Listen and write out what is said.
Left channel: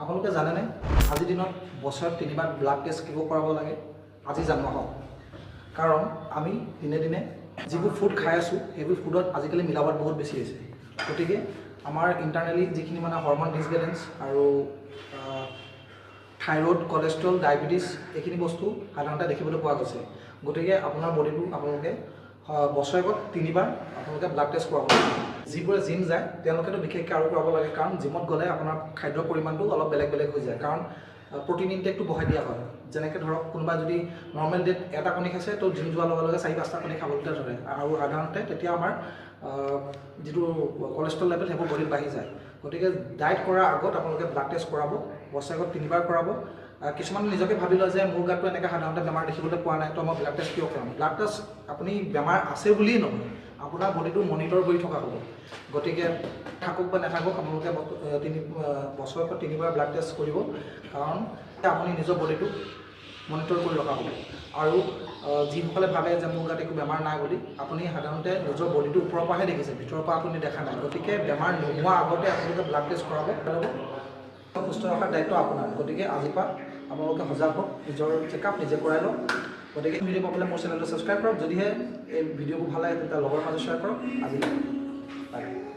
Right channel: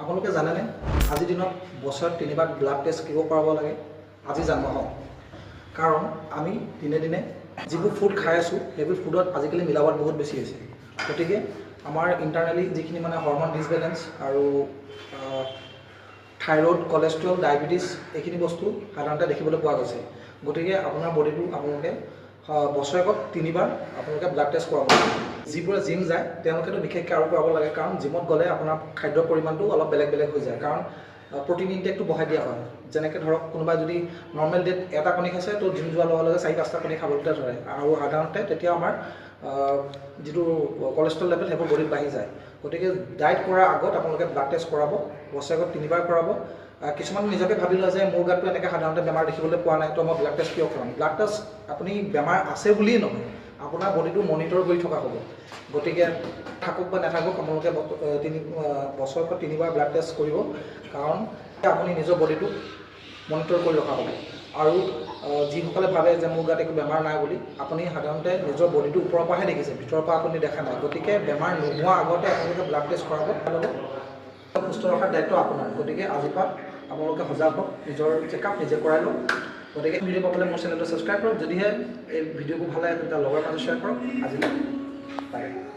আপোনালোকে জানেনে আজিৰ দিনত বছৰত 3বাৰ ব্লাড টেষ্ট কিয় কৰাব লাগে? আজি জানো হওক। কাৰণ আমি দিনে দিনে যিবোৰ ফুড খাই আছোঁ সেইবোৰ ফুডত আজিকালি মিলাবট বহুত বেছি হৈছে। গতিকে আমাৰ ইণ্টাৰনেলি যিখিনি মানে হৰমন ডিছবেলেঞ্চ আৰু থাইৰয়ড, কলেষ্ট্ৰল, ডায়েবেটিছ এইখিনি বস্তু সাধাৰণতে দেখিবলৈ পোৱা গৈছে। গতিকে আপোনাৰ বডিটো আপোনালোকে বছৰেকত 3বাৰ আপোনালোকে ব্লাড টেষ্ট কৰাব লাগে। যিবোৰে জিম যায় তেওঁলোকেতো বিশেষকৈ আৰু কৰাব লাগে, কাৰণ জিমত গ'লে আপোনাৰ খাদ্যৰ পৰিমাণটো অলপ বেলেগ বেলেগ হৈ যায়, কাৰণ প্ৰটিন ইনটেকটো বঢ়াই দিয়া হয়। যেনেকৈ ধৰক কোনোবাই যদি নৰ্মেল ডেত এটা কণী খাইছে তো জিম যোৱাৰ লগে লগে 4-5টা কণী খাবলৈ ধৰে, আৰু সাধাৰণতে তেতিয়া আমাৰ যিটো কলেষ্ট্ৰল লেভেল সেইবোৰ বডিত বাঢ়ি যায়। গতিকে ডায়েট কৰাৰ আগত আপোনালোকে ব্লাড টেষ্ট কৰাব, বছৰেকত 3বাৰ কৰাব। কিছুমান নিজকে ভাবি লয় যে মোৰ গাতটো এনেকৈ সাধাৰণতে বেমাৰ দেখিবলৈ পোৱা নাই, তো মই ব্লাড টেষ্ট কিয় কৰাম? ব্লাড টেষ্ট আপুনি বেমাৰ আছে বুলিয়েই নহয়, আপোনাৰ বডিটো মনিটৰ কৰি থকা হ'ব। গতিকে থাকক বা নাথাকক আপোনালোকে বছৰেকত 3বাৰ ব্লাড টেষ্ট কৰিব, কাৰণ আপুনি নিজৰ বডিটো মনিটৰ কৰি ৰখা হ'ব। আৰু যিসকলে ভাবে যে মোৰ গাত একো বেমাৰ নাই বুলি, আপুনি সাধাৰণতে নিজৰ বডিটো ওপৰৰ পৰাহে দেখিছে, ভিতৰৰ পৰা আপুনি দেখা নাই। গতিকে বেমাৰ নোহোৱাৰ আগতে আপোনালোকে ব্লাড টেষ্ট কৰাব। সুস্থ ৰখাৰ দায়িত্ব আপোনাৰ। গতিকে আজিৰ পৰা আপোনালোকে সজাগ হওক, নিজৰ চেকআপ নিজে কৰাই লওক। গতিকে ভিডিঅ' পাবলৈ মোৰ চেনেলটো ছাবস্ক্ৰাইব কৰক। যদিহে এই ভিডিঅ'বোৰ ভাল লাগে তেতিয়া লগৰ মাজত শ্বেয়াৰ কৰক। আজিলৈ বাই বাই।